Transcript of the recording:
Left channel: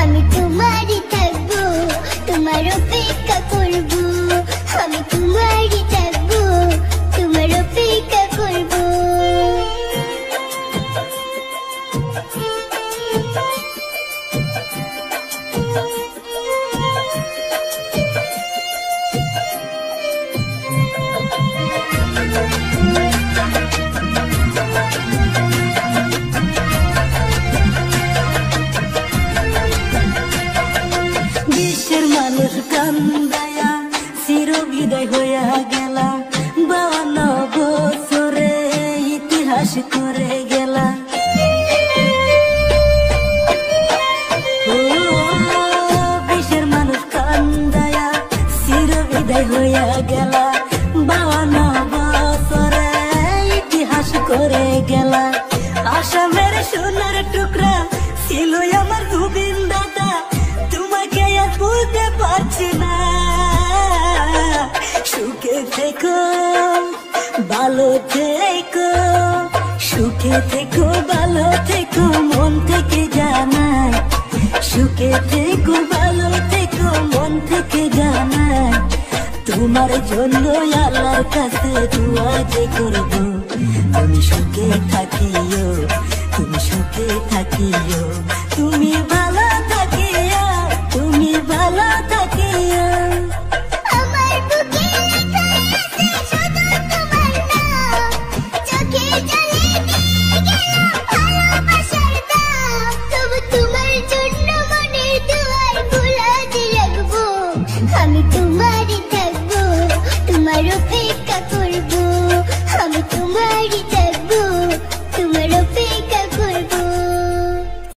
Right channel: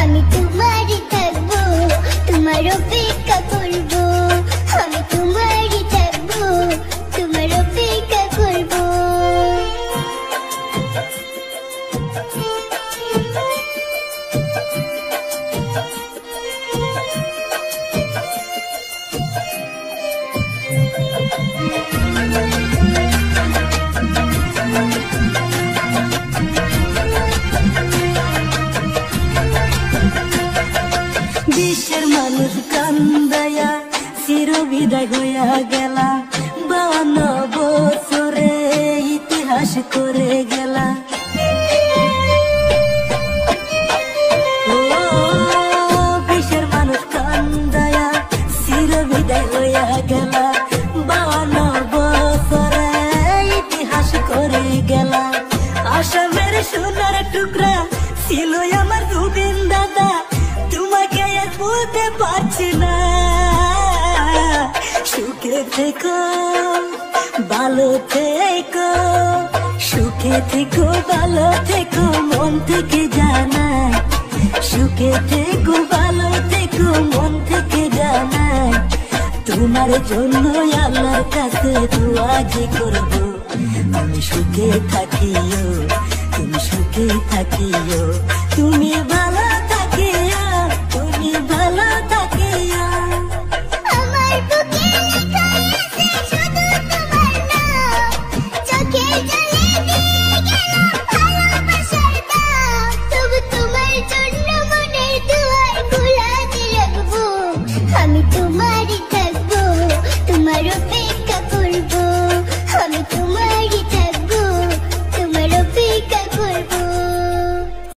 আমি তোমারই থাকবো, তোমার অপেক্ষা করবো, আমি তোমারই থাকবো, তোমার অপেক্ষা করবো। বিশ্বের মানুষ কান্দায়া চির বিদায় হইয়া গেলা, 52 বছরে ইতিহাস করে গেলা। বিশ্বের মানুষ কান্দায়া চির বিদায় হইয়া গেলা, 52 বছরে ইতিহাস করে গেলা। আসামের সোনার টুকরা ছিল আমার দুদিন দাদা, তোমাকে আর ভুলতে পারছি না। সুখে থেকো ভালো থেকো, সুখে থেকো ভালো থেকো, মন থেকে জানাই। সুখে থেকো ভালো থেকো, মন থেকে জানাই। তোমার জন্য আল্লাহর কাছে দোয়া যে করবো, তুমি সুখে থাকিও, তুমি সুখে থাকিও, তুমি